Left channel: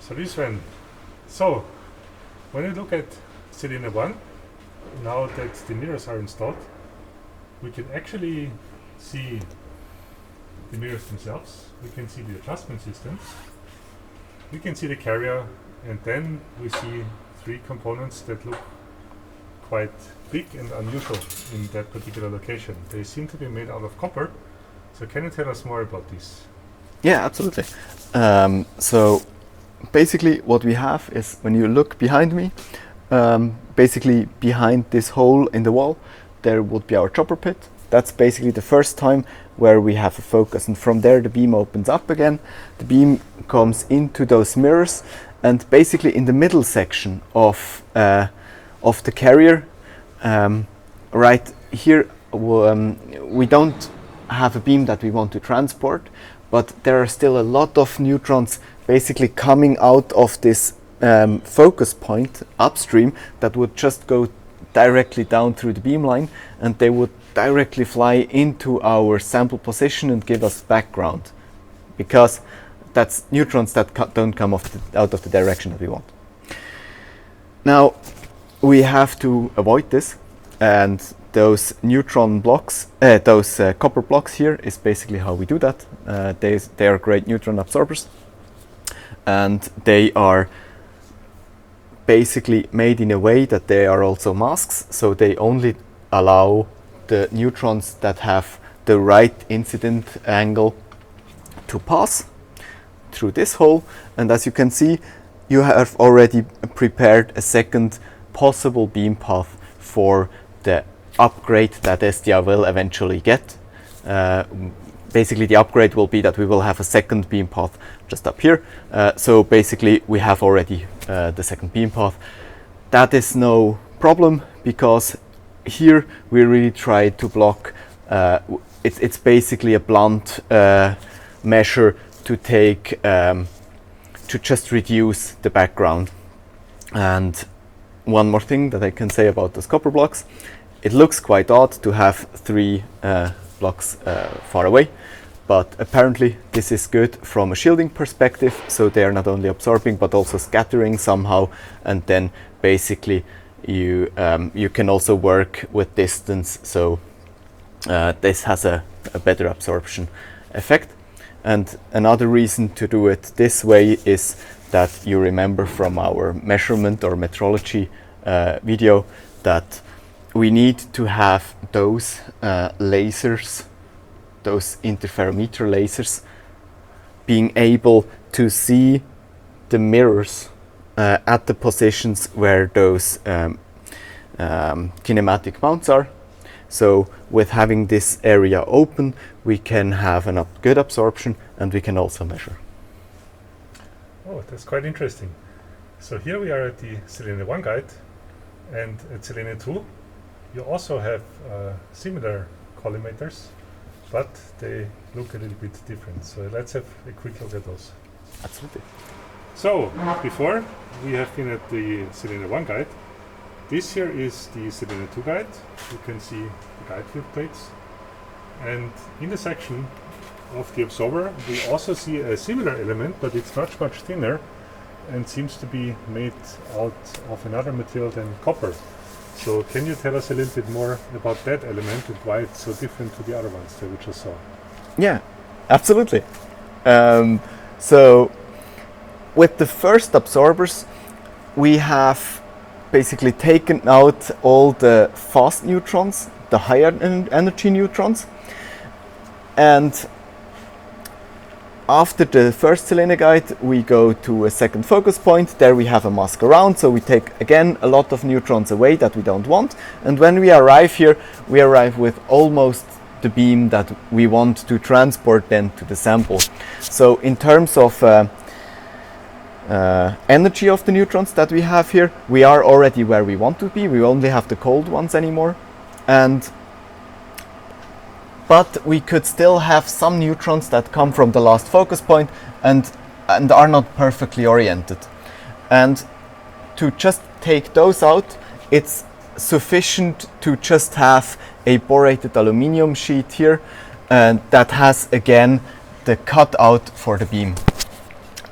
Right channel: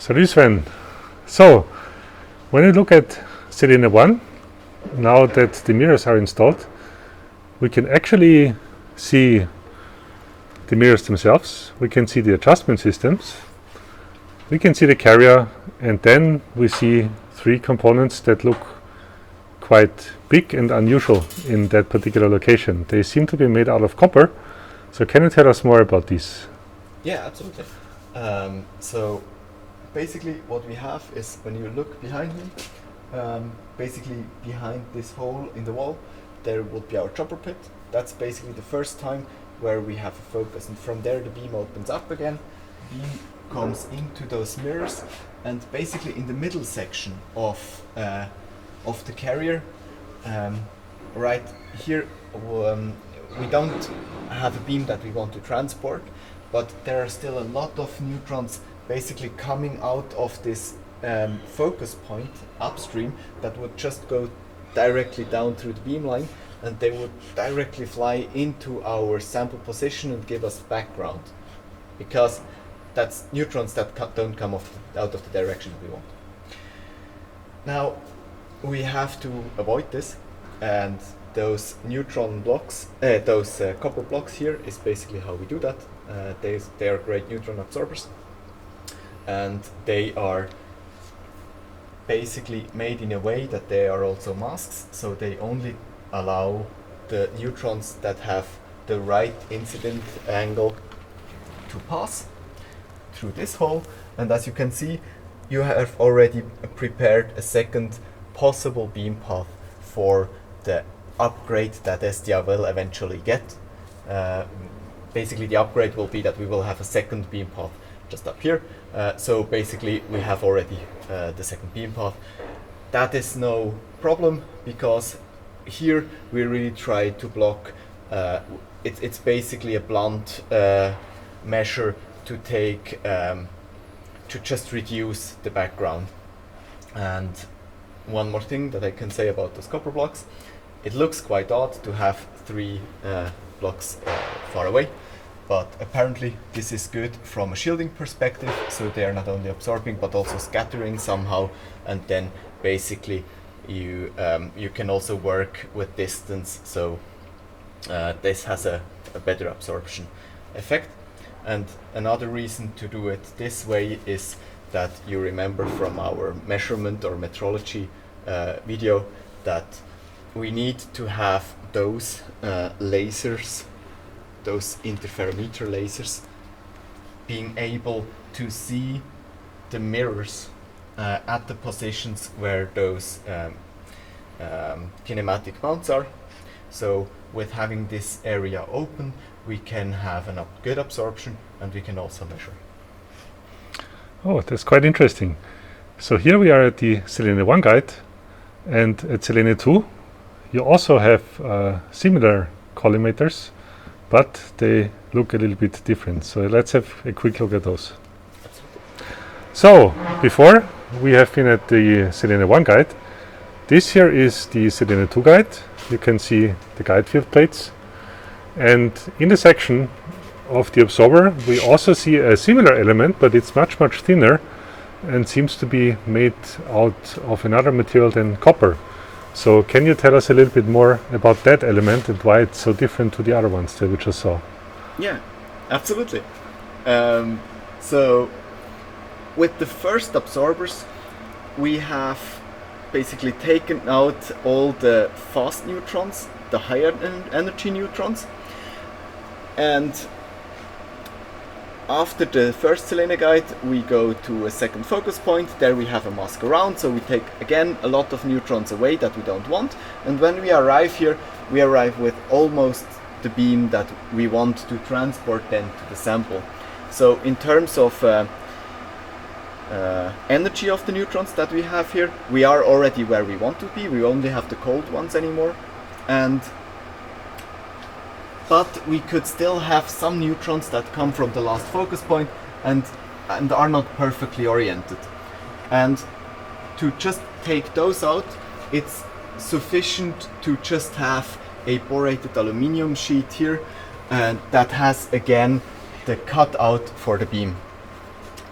Salut Sven. So, when you look at Selene 1, now that the mirrors are installed, we can actually see the mirrors themselves, we can see the adjustment systems, we can see the carrier, and then we see three components that look quite big and unusual in that particular location. They seem to be made out of copper. So can you tell us more about these? Yeah, absolutely. So basically what we have is, when you look behind me, basically behind this hole in the wall, there would be our chopper pit. That's basically the first time where we have a focus, and from there the beam opens up again. The beam comes into those mirrors, and basically in the middle section of the carrier, right here, we don't have a beam that we want to transport, but there are still a lot of neutrons basically coming out of this focus point upstream that would just go directly down through the beam line, and they would directly fly into our sample position and give us background, because that's neutrons that don't come out of the direction that we want. Now we have to avoid this, and those neutron blocks, those copper blocks here, is basically how we do that. They are great neutron absorbers, and they are basically made in a way that they are also masks, so they only allow the neutrons that have the right incident angle to pass through this hole. And as you can see, you have already prepared a second possible beam path for the upgrade that ESTIA will eventually get. Basically the upgrade will be that we will have a second beam path just up here. So basically we have already the second beam path. That is no problem, because here we really try to block, it's basically a blunt measure to take, to just reduce the background. And one more thing that I can say about those copper blocks, it looks quite odd to have three blocks far away, but apparently this is good from a shielding perspective, so they are not only absorbing but also scattering somehow, and then basically you can also work with distance, so this has a better absorption effect. And another reason to do it this way is that you remember from our measurement or metrology video that we need to have those lasers, those interferometer lasers, being able to see the mirrors at the positions where those kinematic mounts are. So with having this area open, we can have a good absorption, and we can also measure. Oh, that's quite interesting. So here we are at the Selene 1 guide, and at Selene 2 you also have similar collimators, but they look a little bit different. So let's have a quick look at those. Absolutely. So before we have been at the Selene 1 guide. This here is the Selene 2 guide. You can see the guide field plates, and in the section of the absorber we also see a similar element, but it's much thinner and seems to be made out of another material than copper. So can you tell us a little bit more about that element and why it's so different to the other ones that we just saw? Yeah, absolutely. So with the first absorbers, we have basically taken out all the fast neutrons, the higher energy neutrons, and after the first Selene guide we go to a second focus point. There we have a mask around, so we take again a lot of neutrons away that we don't want, and when we arrive here, we arrive with almost the beam that we want to transport then to the sample. So in terms of energy of the neutrons that we have here, we are already where we want to be. We only have the cold ones anymore, but we could still have some neutrons that come from the last focus point and are not perfectly oriented. And to just take those out, it's sufficient to just have a borated aluminium sheet here, and that has again the cutout for the beam.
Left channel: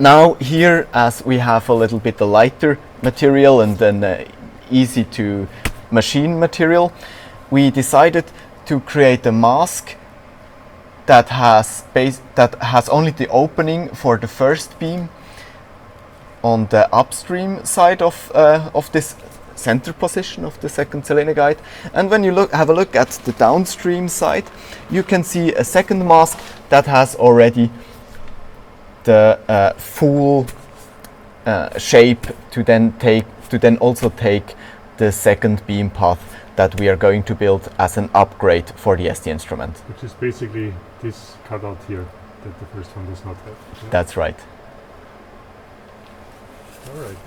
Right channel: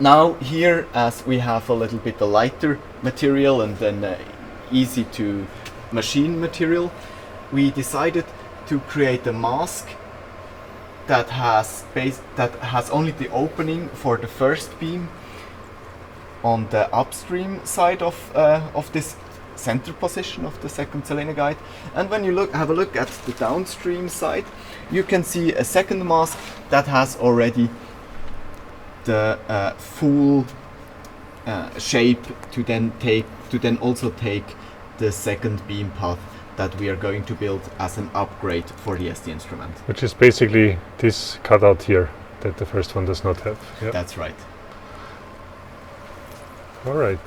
Now here, as we have a little bit lighter material and then easy to machine material, we decided to create a mask that has only the opening for the first beam on the upstream side of this center position of the second Selene guide. And when you have a look at the downstream side, you can see a second mask that has already the full shape to then also take the second beam path that we are going to build as an upgrade for the ESTIA instrument. Which is basically this cutout here that the first one does not have. Yeah? That's right. All right.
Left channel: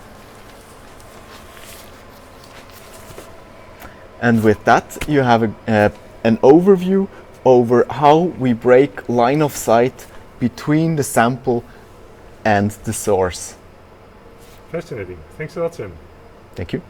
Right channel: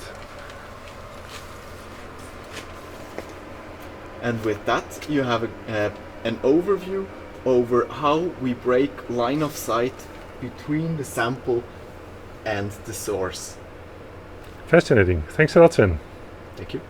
And with that, you have an overview over how we break line of sight between the sample and the source. Fascinating. Thanks a lot, Sven. Thank you.